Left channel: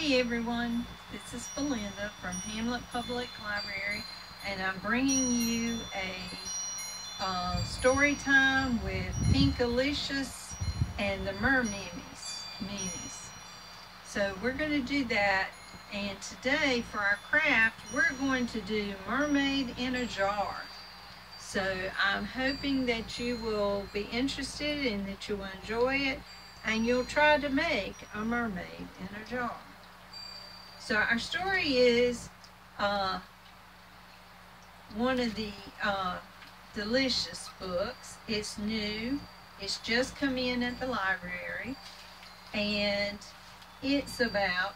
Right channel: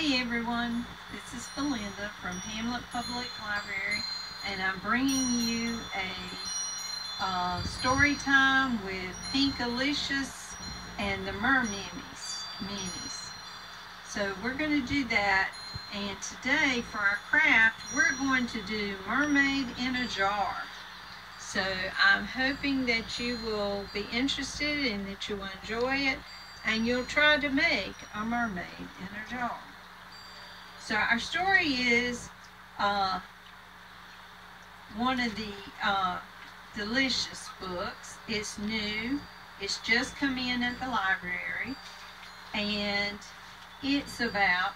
Hey everyone, this is Belinda from Hamlet Public Library, and I'm bringing you a story time with Pinkalicious and the Merinnies. So we're going to do that, and today for our craft we're going to do Mermaid in a Jar. So I'm hoping that you will be interested and that you will enjoy it, and you'll try to make a mermaid in a jar. So our story is one of the delicious books. It's new. It's just come in at the library, and it's about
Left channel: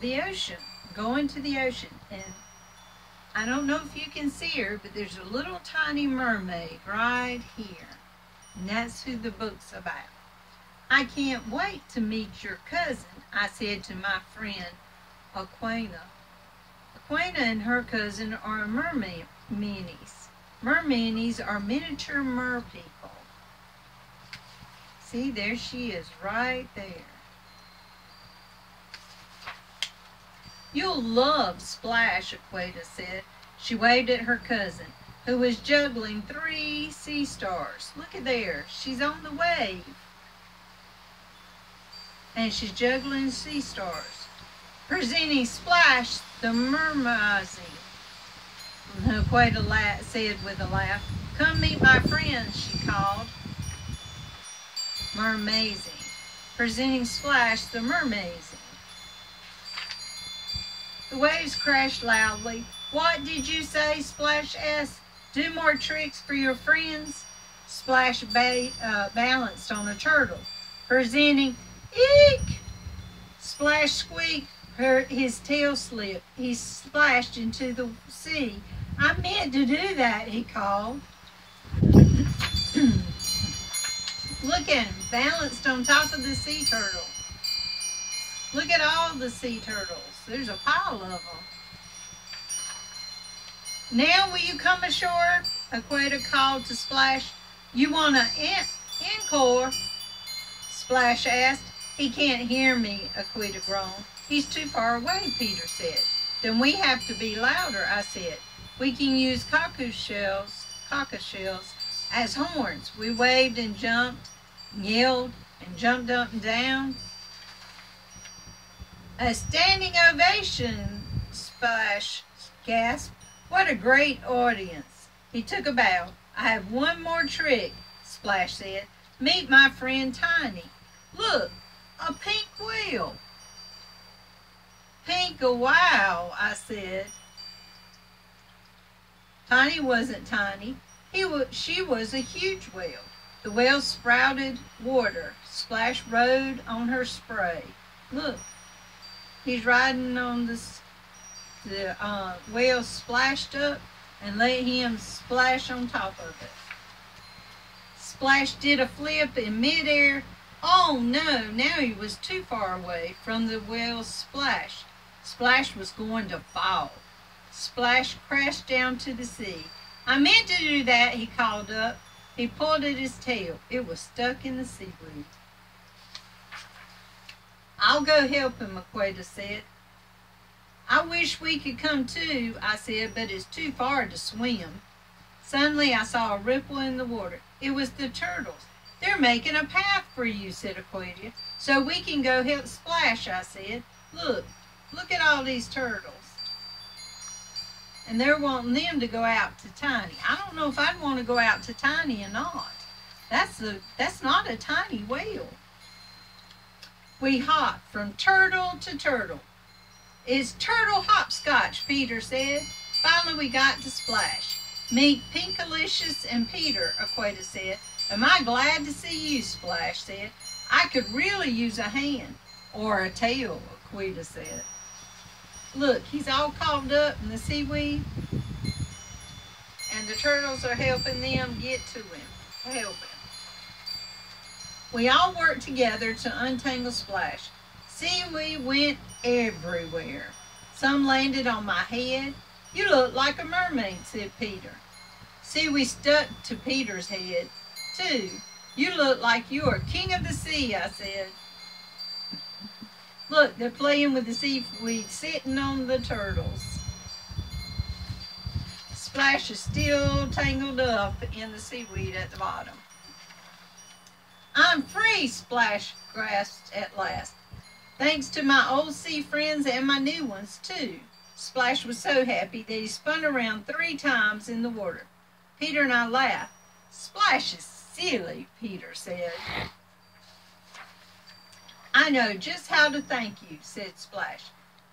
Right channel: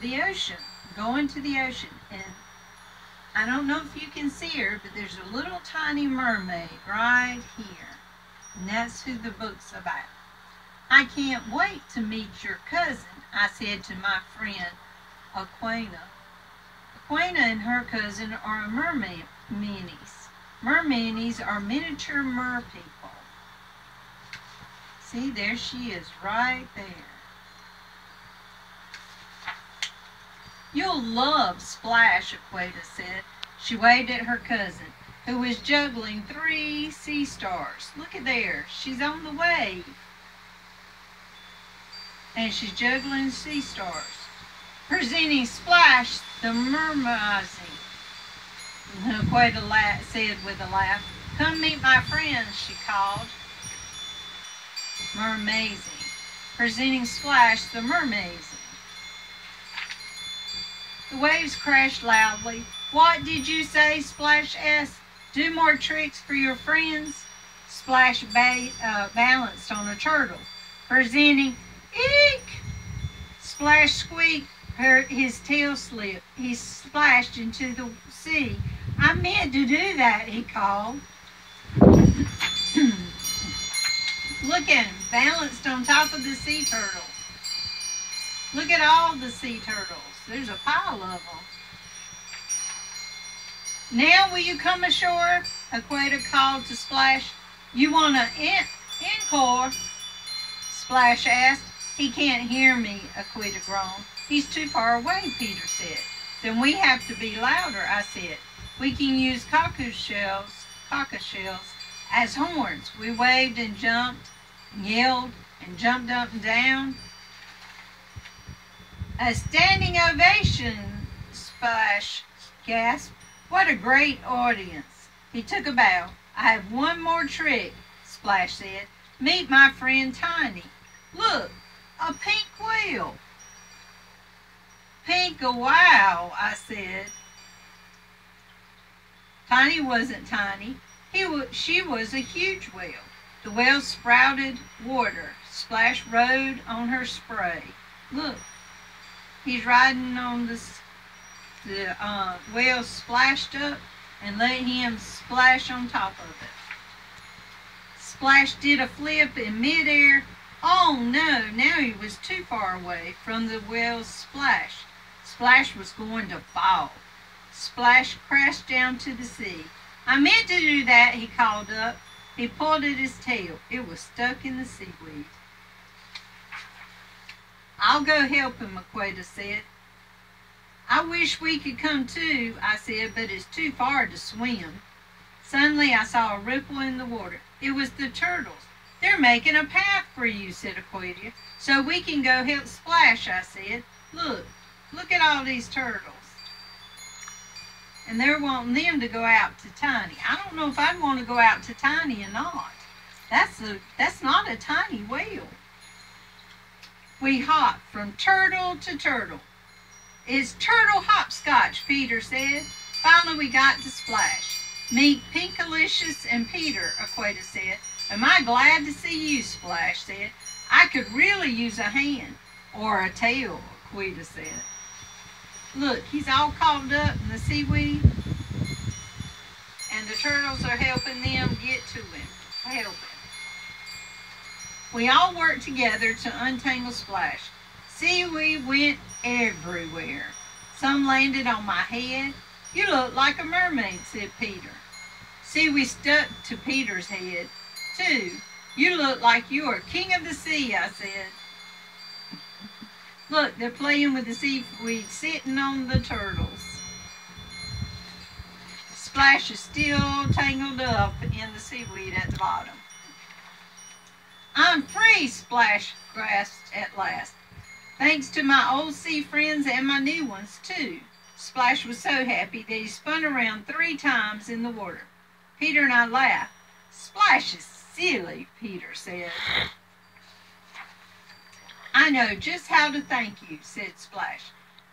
the ocean, going to the ocean. And I don't know if you can see her, but there's a little tiny mermaid right here. And that's who the book's about. I can't wait to meet your cousin, I said to my friend Aquina. Aquina and her cousin are mermaids. Mermaids are miniature mer people. See, there she is right there. You'll love Splash, Aquina said. She waved at her cousin, who was juggling 3 sea stars. Look at there, she's on the wave. And she's juggling sea stars. Presenting Splash, the mermaid. Aquina said with a laugh. Come meet my friend, she called. Mermazing. Presenting Splash, the mermaid. The waves crashed loudly. What did you say? Splash asked. Do more tricks for your friends? Splash balanced on a turtle. Presenting, eek! Splash squeaked. His tail slipped. He splashed into the sea. I meant to do that, he called. Look at him, balanced on top of the sea turtle. Look at all the sea turtles. There's a pile of them. Now will you come ashore? Aquina called to Splash. You want an encore? Splash asked. He can't hear me, Aquina groaned. He's too far away, Peter said. Then we have to be louder, I said. We can use cockleshell shells as horns. We waved and jumped, yelled, and jumped up and down. A standing ovation, Splash gasped. What a great audience. He took a bow. I have one more trick, Splash said. Meet my friend Tiny. Look, a pink whale. Pink a wow, I said. Tiny wasn't tiny. She was a huge whale. The whale sprouted water. Splash rode on her spray. Look, he's riding on this. The whale splashed up and let him splash on top of it. Splash did a flip in midair. Oh no, now he was too far away from the whale's splash. Splash was going to fall. Splash crashed down to the sea. I meant to do that, he called up. He pulled at his tail. It was stuck in the seaweed. I'll go help him, Aquina said. I wish we could come too, I said, but it's too far to swim. Suddenly I saw a ripple in the water. It was the turtles. They're making a path for you, said Aquina, so we can go help Splash, I said. Look at all these turtles. And they're wanting them to go out to Tiny. I don't know if I'd want to go out to Tiny or not. That's not a tiny whale. We hopped from turtle to turtle. It's turtle hopscotch, Peter said. Finally we got to Splash. Meet Pinkalicious and Peter, Aquina said. Am I glad to see you, Splash said. I could really use a hand. Or a tail, Aquina said. Look, he's all caught up in the seaweed. And the turtles are helping them get to him. Help him. We all worked together to untangle Splash. Seaweed went everywhere. Some landed on my head. You look like a mermaid, said Peter. Seaweed stuck to Peter's head, too. You look like you are king of the sea, I said. Look, they're playing with the seaweed sitting on the turtles. Splash is still tangled up in the seaweed at the bottom. I'm free, Splash grasped at last. Thanks to my old sea friends and my new ones, too. Splash was so happy that he spun around 3 times in the water. Peter and I laughed. Splash is silly, Peter said. I know just how to thank you, said Splash.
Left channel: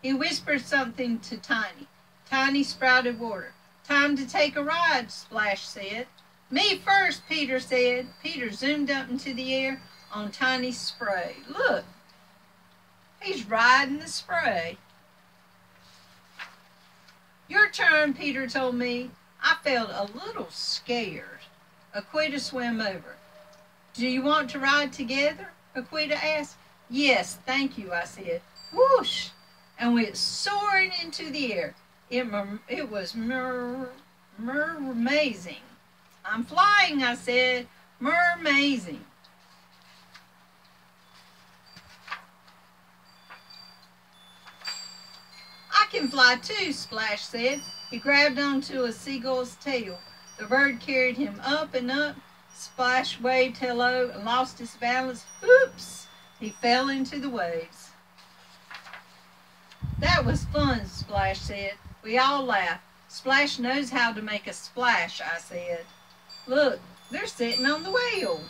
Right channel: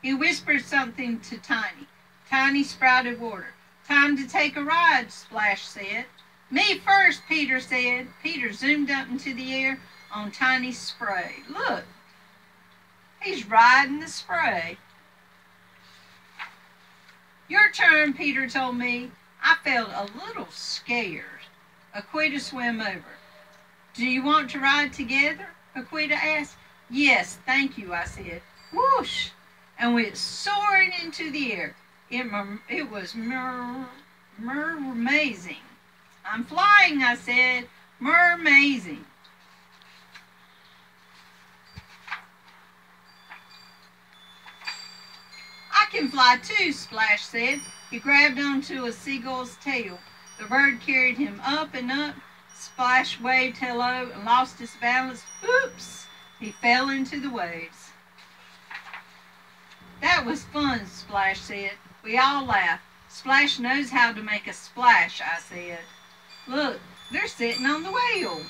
He whispered something to Tiny. Tiny sprouted water. Time to take a ride, Splash said. Me first, Peter said. Peter zoomed up into the air on Tiny's spray. Look, he's riding the spray. Your turn, Peter told me. I felt a little scared. Aquita swam over. Do you want to ride together? Aquita asked. Yes, thank you, I said. Whoosh! And went soaring into the air. It was amazing. I'm flying, I said. Amazing. I can fly too, Splash said. He grabbed onto a seagull's tail. The bird carried him up and up. Splash waved hello and lost his balance. Oops! He fell into the waves. That was fun, Splash said. We all laughed. Splash knows how to make a splash, I said. Look, they're sitting on the whale.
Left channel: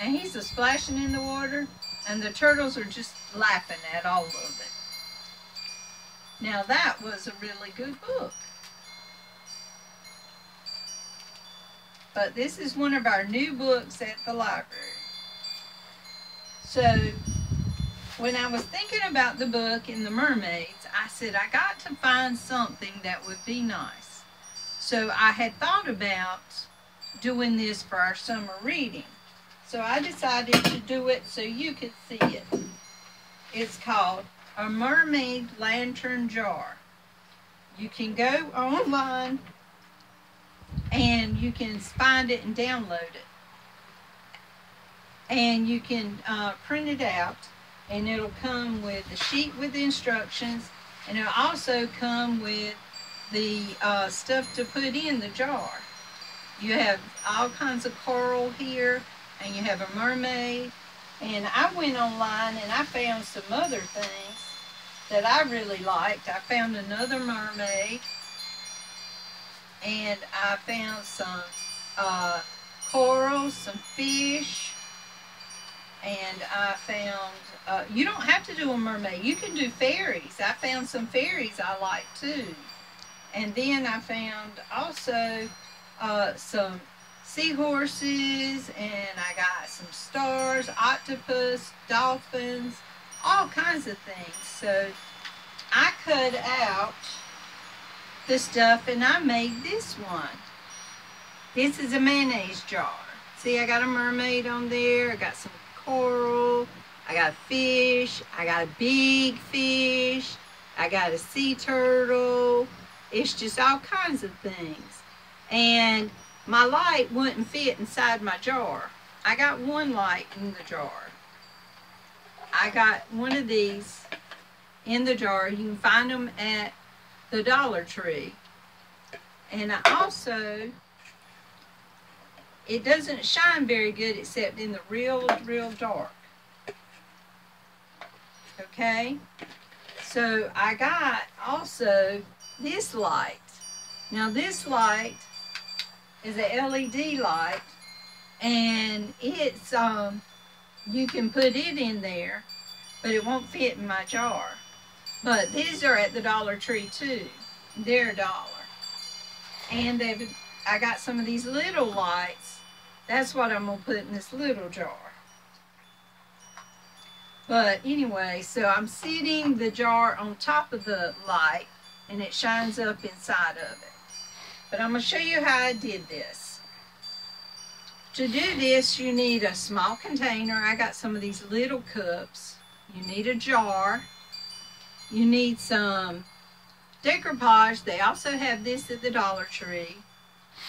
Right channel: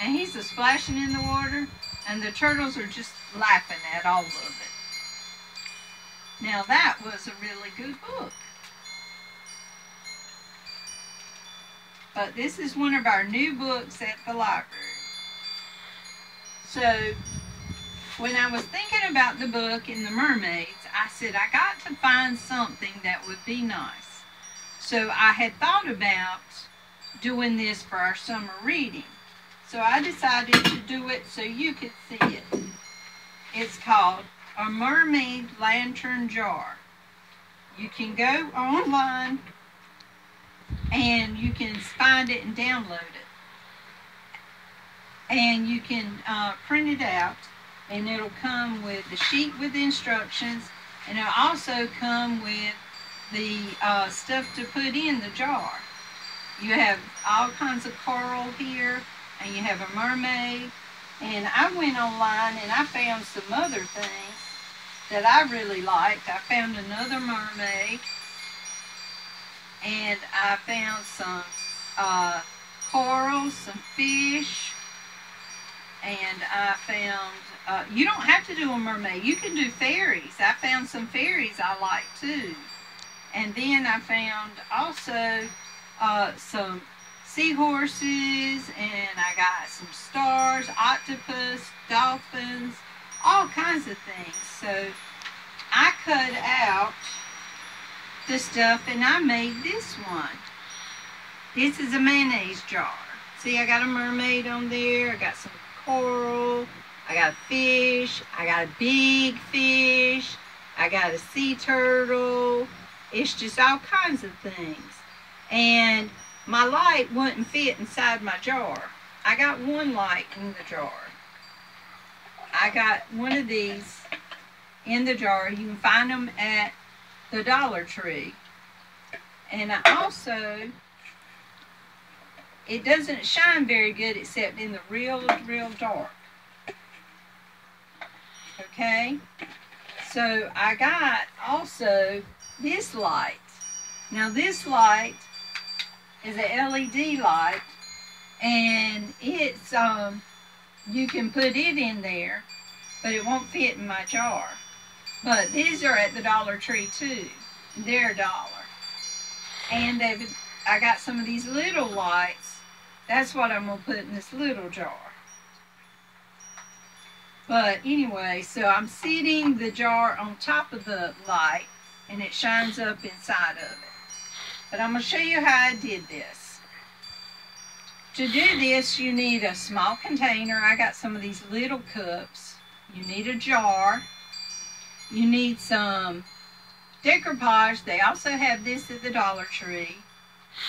And he's splashing in the water, and the turtles are just laughing at all of it. Now that was a really good book. But this is one of our new books at the library. So, when I was thinking about the book in the Mermaids, I said I got to find something that would be nice. So I had thought about doing this for our summer reading. So I decided to do it so you could see it. It's called A Mermaid Lantern Jar. You can go online and you can find it and download it. And you can print it out, and it'll come with a sheet with the instructions, and it'll also come with the stuff to put in the jar. You have all kinds of coral here, and you have a mermaid. And I went online and I found some other things that I really liked. I found another mermaid, and I found some coral, some fish, and I found, you don't have to do a mermaid. You can do fairies. I found some fairies I like too. And then I found also some seahorses, and I got some stars, octopus, dolphins, all kinds of things. So I cut out the stuff and I made this one. This is a mayonnaise jar. See, I got a mermaid on there. I got some coral. I got fish. I got a big fish. I got a sea turtle. It's just all kinds of things. And my light wouldn't fit inside my jar. I got one light in the jar. I got one of these in the jar. You can find them at the Dollar Tree. And I also, it doesn't shine very good except in the real dark. Okay? So I got also this light. Now this light is a LED light, and it's you can put it in there, but it won't fit in my jar. But these are at the Dollar Tree too. They're $1. And I got some of these little lights. That's what I'm gonna put in this little jar. But anyway, so I'm sitting the jar on top of the light, and it shines up inside of it. But I'm going to show you how I did this. To do this, you need a small container. I got some of these little cups. You need a jar. You need some decoupage. They also have this at the Dollar Tree.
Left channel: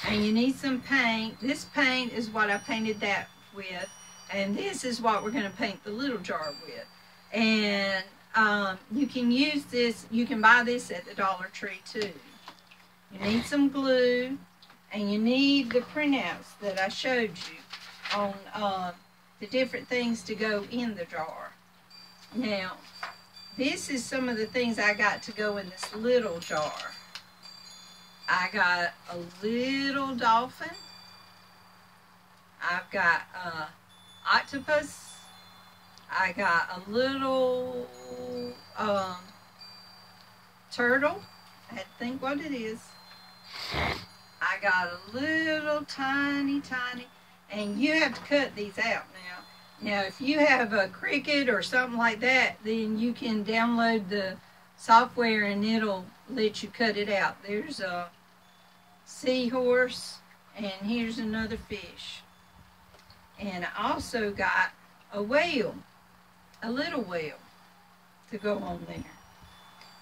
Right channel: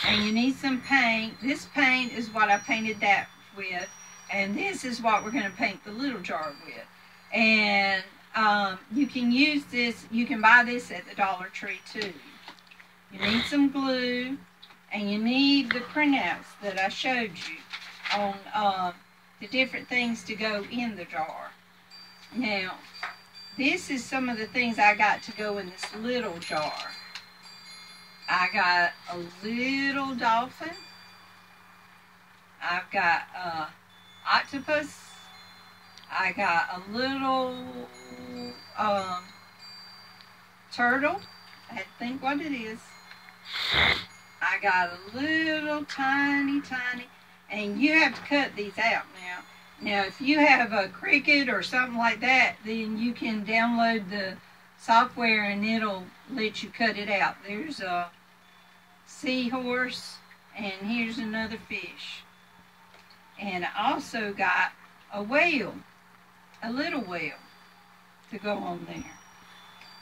And you need some paint. This paint is what I painted that with. And this is what we're going to paint the little jar with. And you can use this, you can buy this at the Dollar Tree too. You need some glue, and you need the printouts that I showed you on the different things to go in the jar. Now, this is some of the things I got to go in this little jar. I got a little dolphin. I've got a octopus. I got a little turtle. I had to think what it is. I got a little tiny, and you have to cut these out now. Now, if you have a Cricut or something like that, then you can download the software and it'll let you cut it out. There's a seahorse, and here's another fish. And I also got a whale, a little whale, to go on there.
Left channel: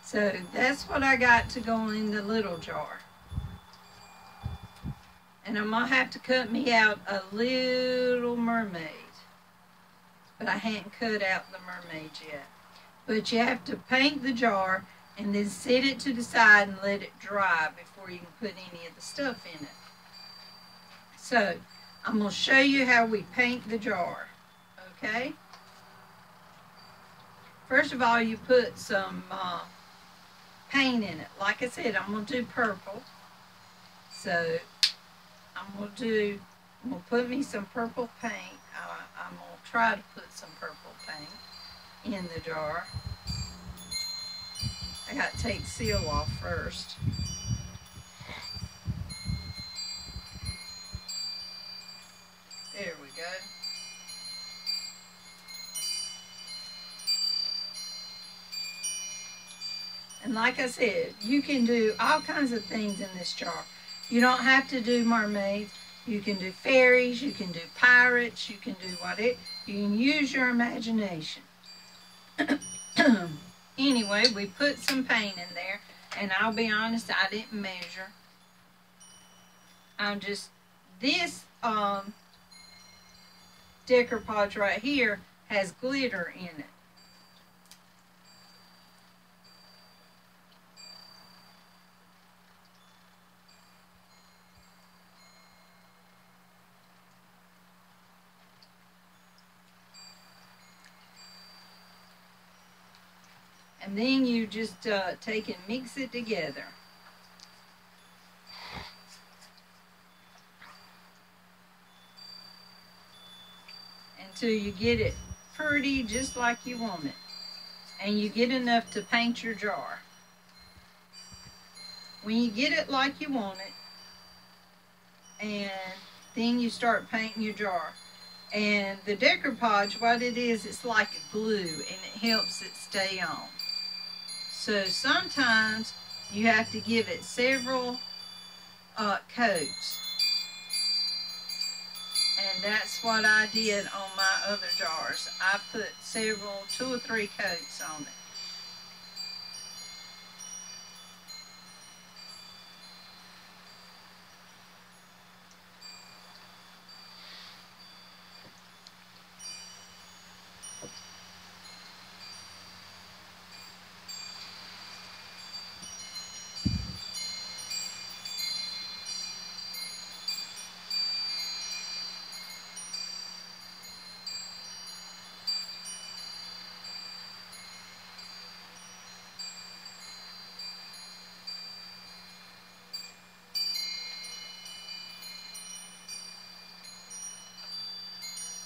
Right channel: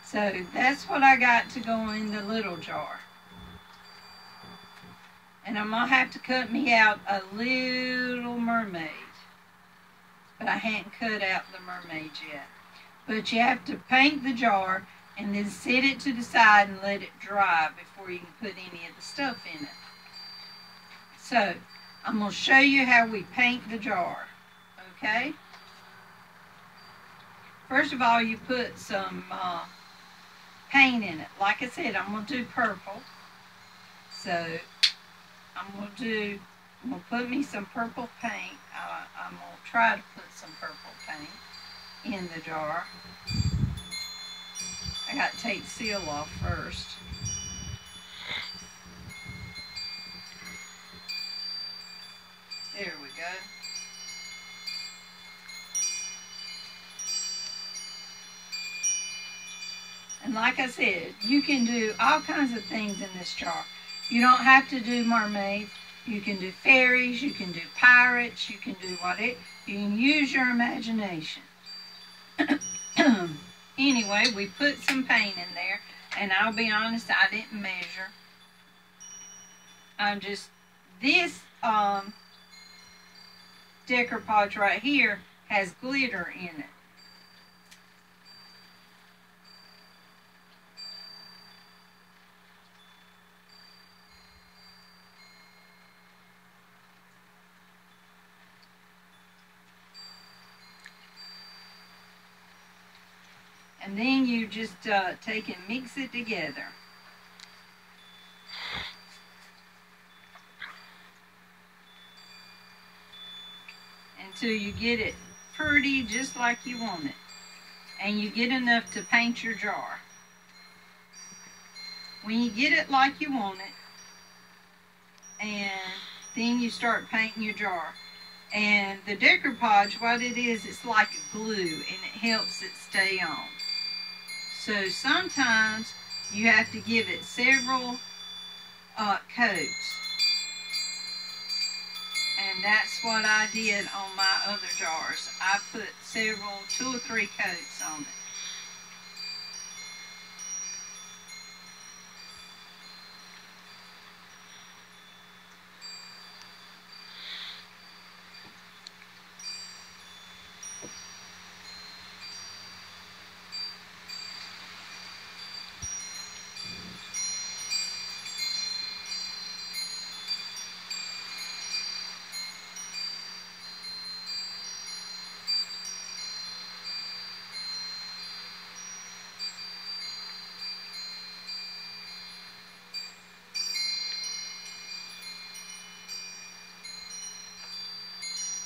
So that's what I got to go in the little jar. And I'm going to have to cut me out a little mermaid. But I hadn't cut out the mermaid yet. But you have to paint the jar and then set it to the side and let it dry before you can put any of the stuff in it. So, I'm going to show you how we paint the jar. Okay? First of all, you put some paint in it. Like I said, I'm going to do purple. So, I'm going to put me some purple paint. I'm going to try to put some purple paint in the jar. I got to take the seal off first. There we go. And like I said, you can do all kinds of things in this jar. You don't have to do mermaids. You can do fairies, you can do pirates, you can do whatever. You can use your imagination. Anyway, we put some paint in there, and I'll be honest, I didn't measure. This decoupage right here has glitter in it. And then you just take and mix it together. Until you get it pretty just like you want it. And you get enough to paint your jar. When you get it like you want it, and then you start painting your jar. And the decoupage, what it is, it's like a glue, and it helps it stay on. So sometimes you have to give it several coats. And that's what I did on my other jars. I put 2 or 3 coats on it.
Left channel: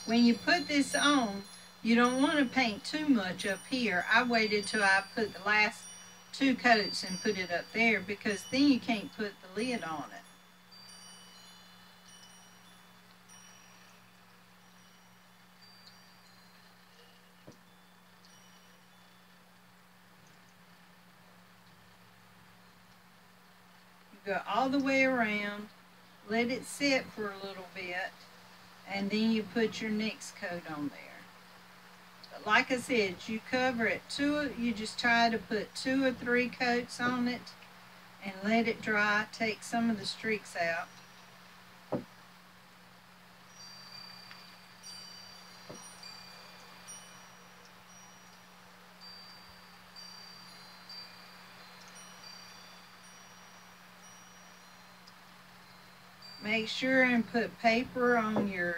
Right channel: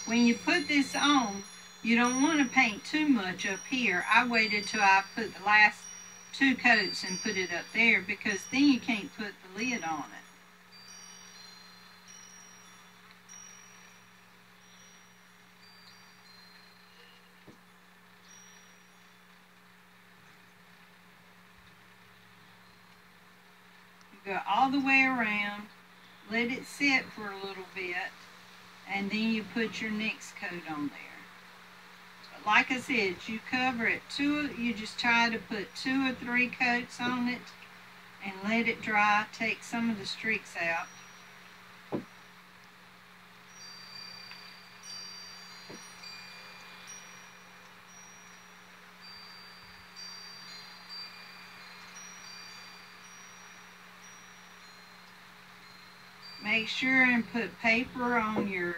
When you put this on, you don't want to paint too much up here. I waited till I put the last 2 coats and put it up there, because then you can't put the lid on it. You go all the way around, let it sit for a little bit, and then you put your next coat on there. But like I said, you cover it, you just try to put 2 or 3 coats on it and let it dry. Take some of the streaks out. make sure and put paper on your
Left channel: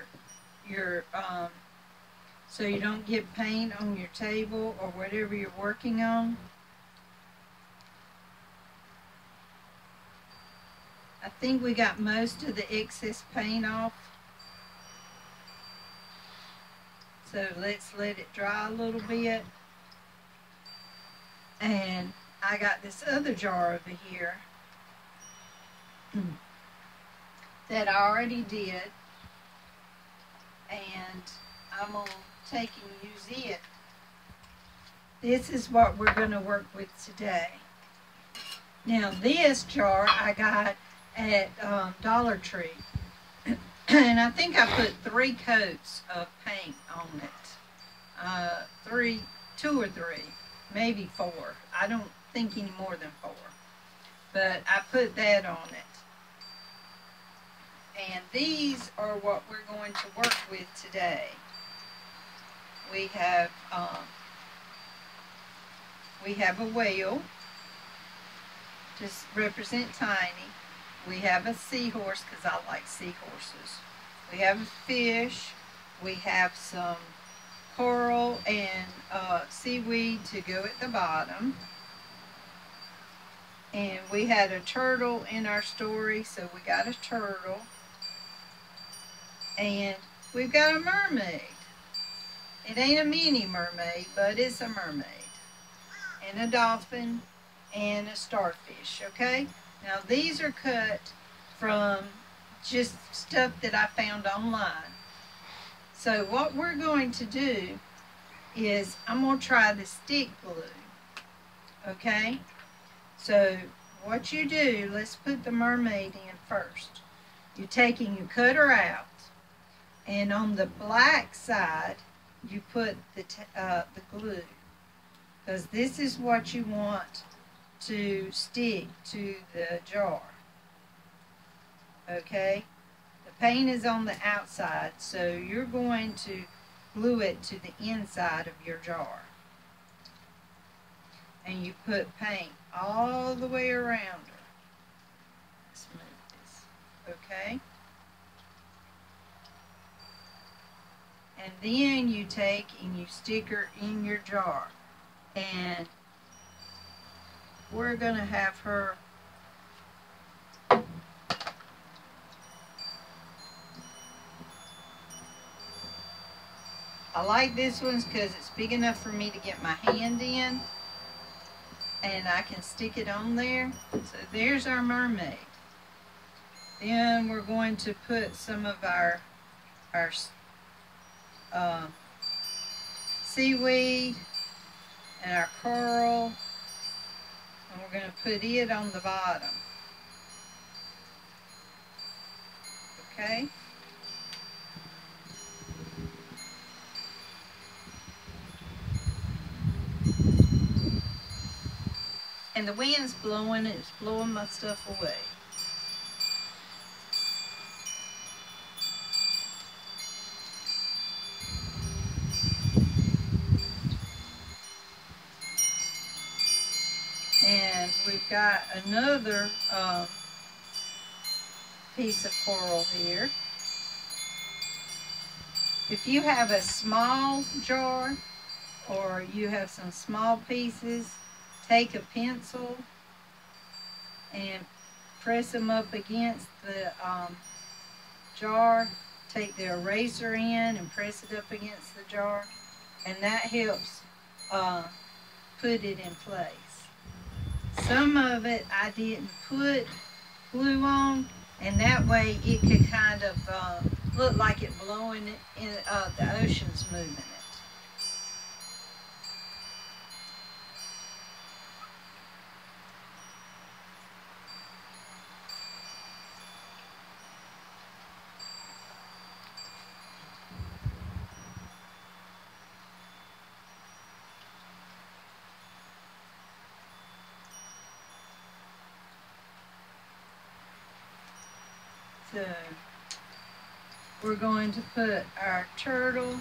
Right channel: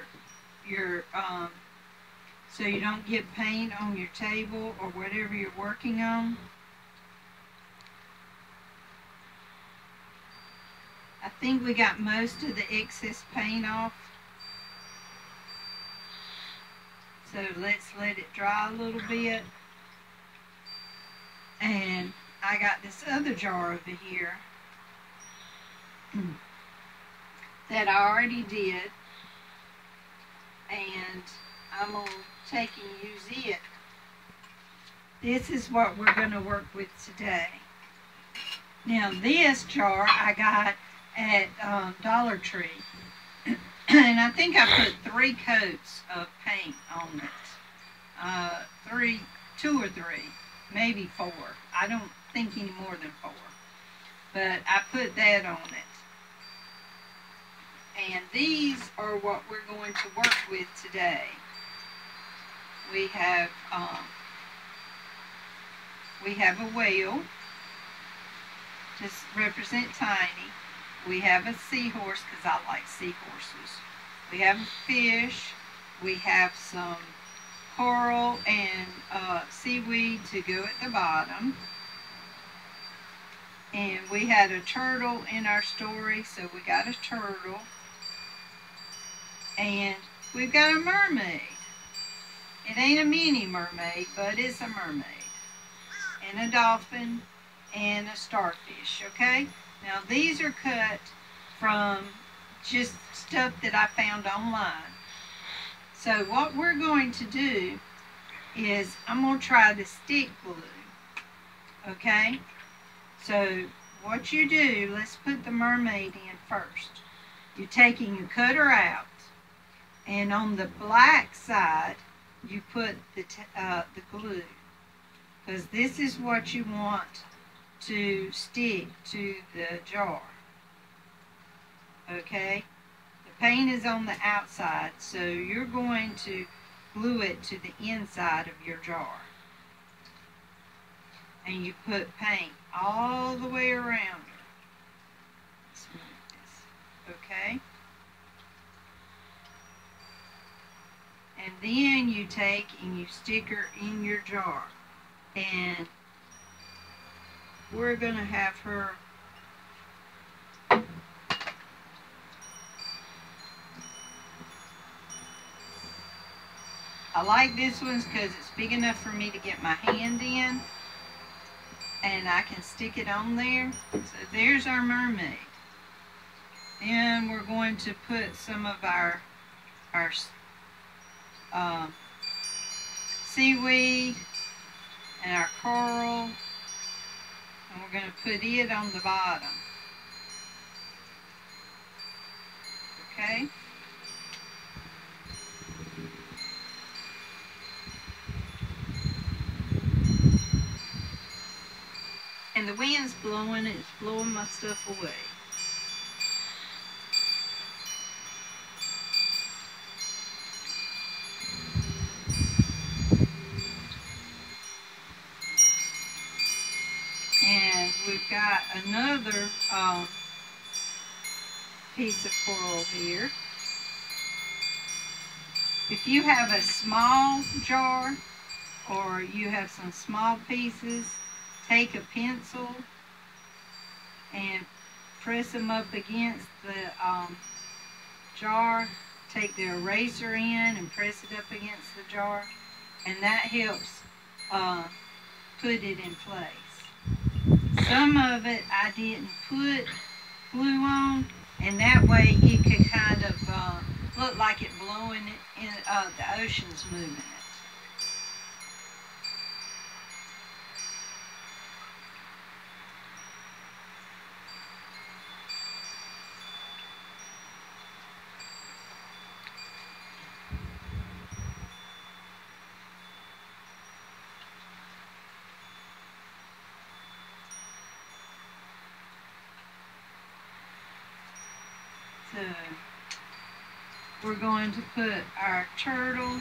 so you don't get paint on your table or whatever you're working on. I think we got most of the excess paint off. So let's let it dry a little bit. And I got this other jar over here that I already did. And I'm going to take and use it. This is what we're going to work with today. Now this jar I got at Dollar Tree. And I think I put 3 coats of paint on it. 2 or 3, maybe 4. I don't think any more than 4. But I put that on it. And these are what we're going to work with today. We have a whale, just represent tiny. We have a seahorse, because I like seahorses. We have a fish. We have some coral and seaweed to go at the bottom. And we had a turtle in our story, so we got a turtle. And we've got a mermaid. It ain't a mini mermaid, but it's a mermaid. And a dolphin and a starfish, okay? Now these are cut from just stuff that I found online. So what we're going to do is I'm going to try the stick glue, okay? So what you do, let's put the mermaid in first. You're taking your cutter out, and on the black side you put the glue, because this is what you want to stick to the jar. Okay, the paint is on the outside, so you're going to glue it to the inside of your jar. And you put paint all the way around it. Let's move this. Okay. And then you take and you stick her in your jar. And we're going to have her I like this one because it's big enough for me to get my hand in, and I can stick it on there. So there's our mermaid. Then we're going to put some of our seaweed and our coral, and we're going to put it on the bottom. Okay? And the wind's blowing, it's blowing my stuff away. And we've got another piece of coral here. If you have a small jar or you have some small pieces, take a pencil and press them up against the jar. Take the eraser in and press it up against the jar, and that helps put it in place. Some of it I didn't put glue on, and that way it could kind of look like it blowing it in the ocean's moving it. So we're going to put our turtle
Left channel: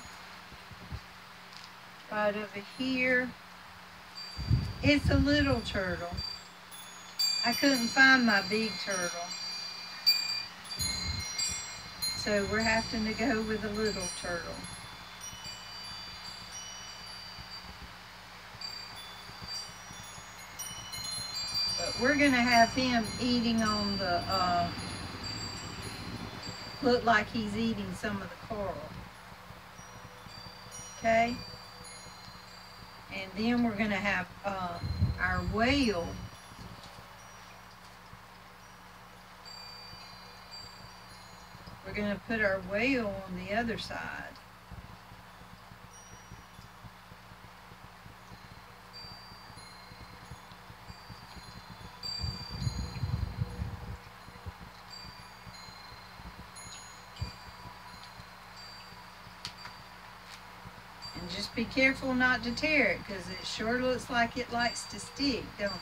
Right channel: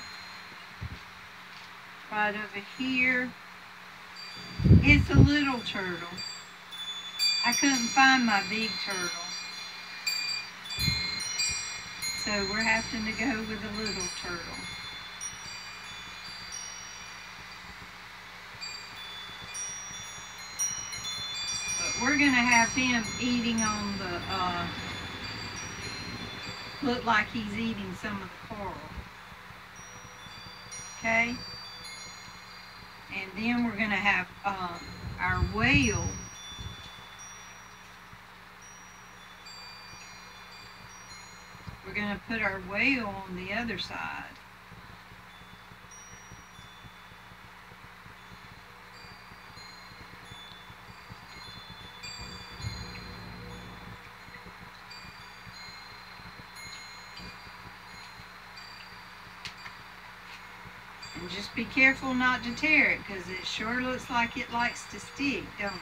right over here. It's a little turtle. I couldn't find my big turtle. so we're having to go with a little turtle. But we're going to have him eating on the, look like he's eating some of the coral. Okay? And then we're going to have our whale. We're going to put our whale on the other side. And just be careful not to tear it, because it sure looks like it likes to stick, don't it?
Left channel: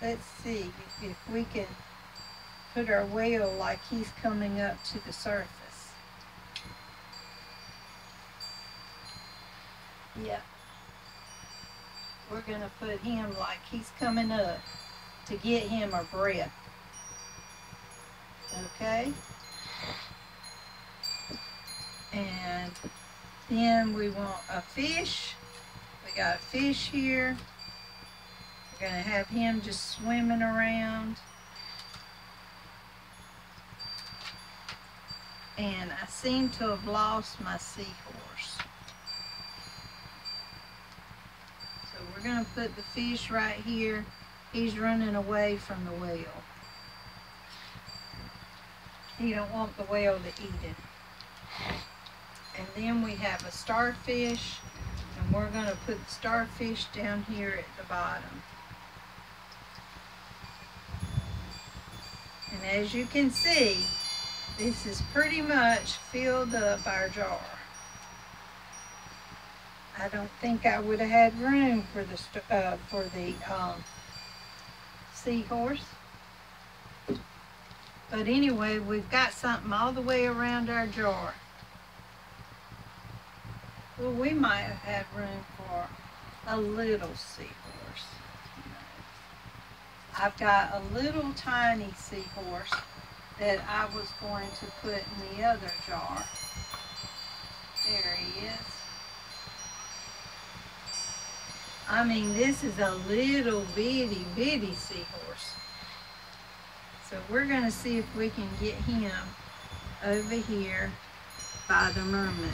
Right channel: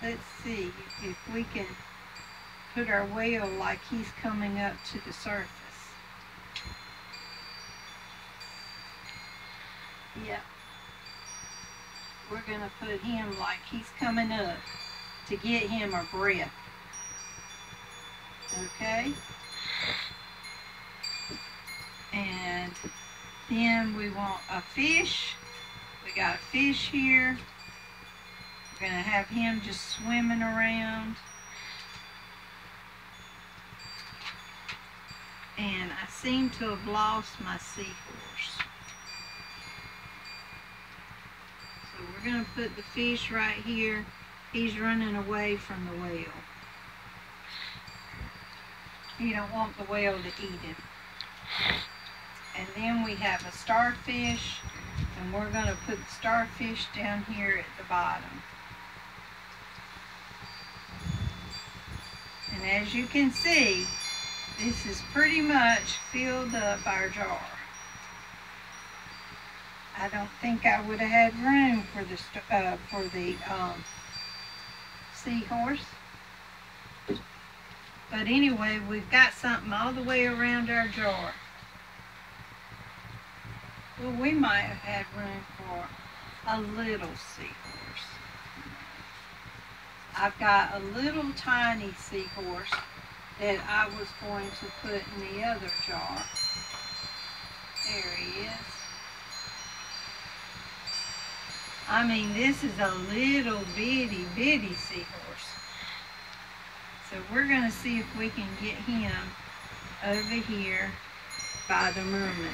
Let's see if we can put our whale like he's coming up to the surface. Yeah. We're going to put him like he's coming up to get him a breath. Okay? And then we want a fish. We got a fish here. We're going to have him just swimming around. And I seem to have lost my seahorse. So we're going to put the fish right here. He's running away from the whale. You don't want the whale to eat him. And then we have a starfish, and we're going to put the starfish down here at the bottom. And as you can see, this is pretty much filled up our jar. I don't think I would have had room for the seahorse. But anyway, we've got something all the way around our jar. Well, we might have had room for a little seahorse. I've got a little tiny seahorse that I was going to put in the other jar. There he is. I mean, this is a little bitty seahorse. So we're going to see if we can get him over here by the mermaid.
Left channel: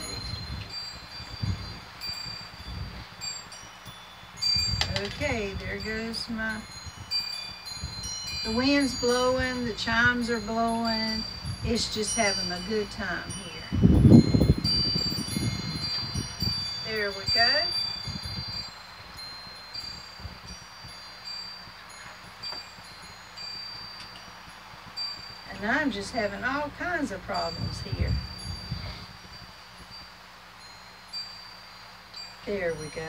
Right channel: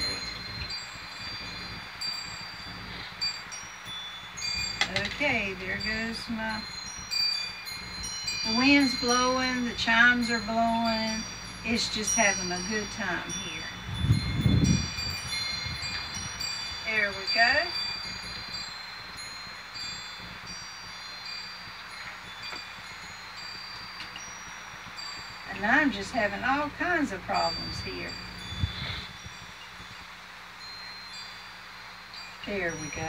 Okay, there goes my... The wind's blowing, the chimes are blowing. It's just having a good time here. There we go. And I'm just having all kinds of problems here. There we go.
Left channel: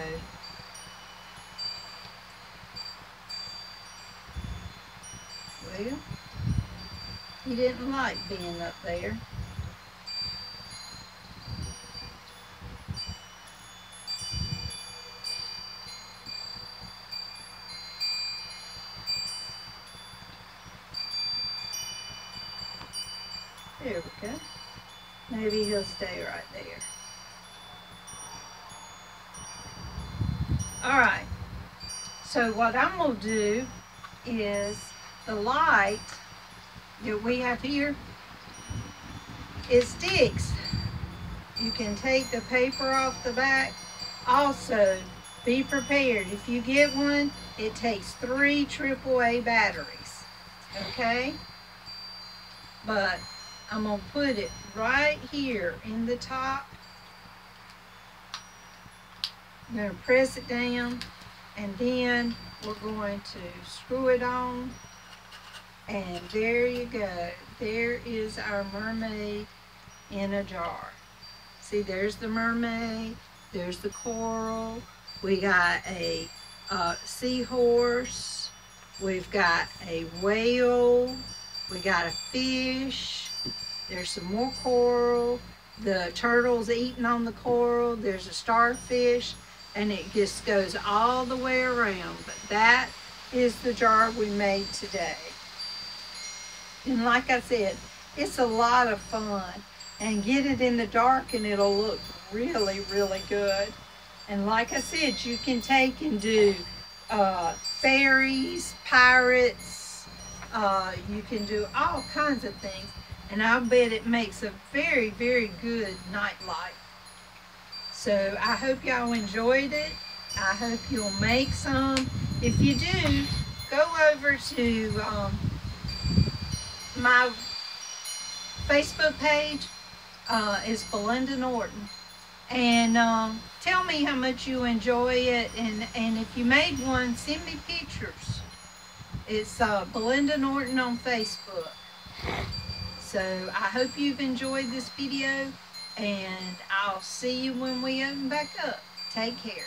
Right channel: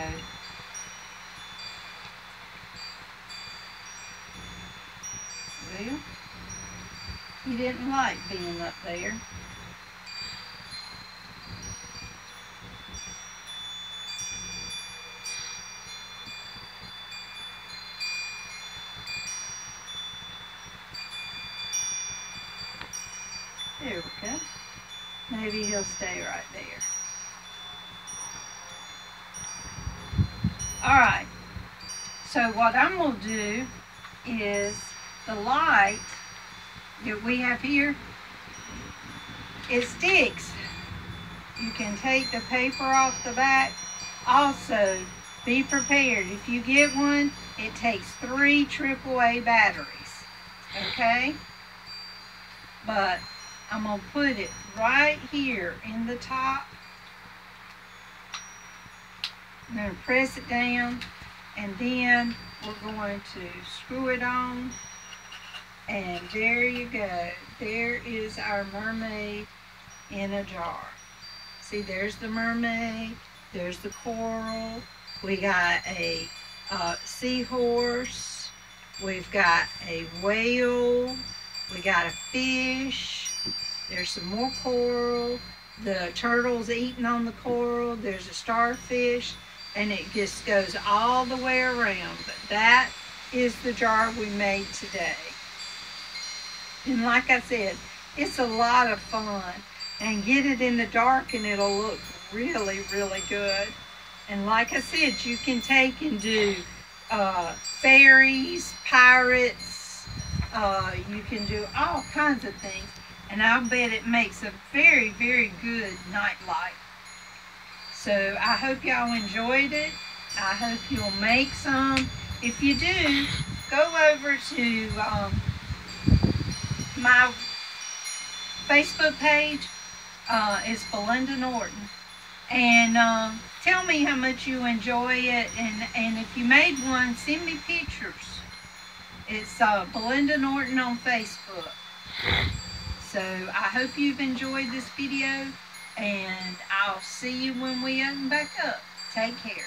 Well, he didn't like being up there. There we go. Maybe he'll stay right there. Alright, so what I'm going to do is the light that we have here, it sticks. You can take the paper off the back. Also, be prepared. If you get one, it takes 3 AAA batteries. Okay? But I'm going to put it right here in the top. I'm going to press it down, and then we're going to screw it on. And there you go. There is our mermaid in a jar. See, there's the mermaid. There's the coral. We got a seahorse. We've got a whale. We got a fish. There's some more coral. The turtle's eating on the coral. There's a starfish. And it just goes all the way around. But that is the jar we made today. And like I said, It's a lot of fun. And get it in the dark and it'll look really, really good. And like I said, you can take and do fairies, pirates, you can do all kinds of things. And I'll bet it makes a very, very good nightlight. So I hope y'all enjoyed it. I hope you'll make some. If you do, go over to my Facebook page. It's Belinda Norton. And tell me how much you enjoy it. And if you made one, send me pictures. It's Belinda Norton on Facebook. So I hope you've enjoyed this video. And I'll see you when we open back up. Take care.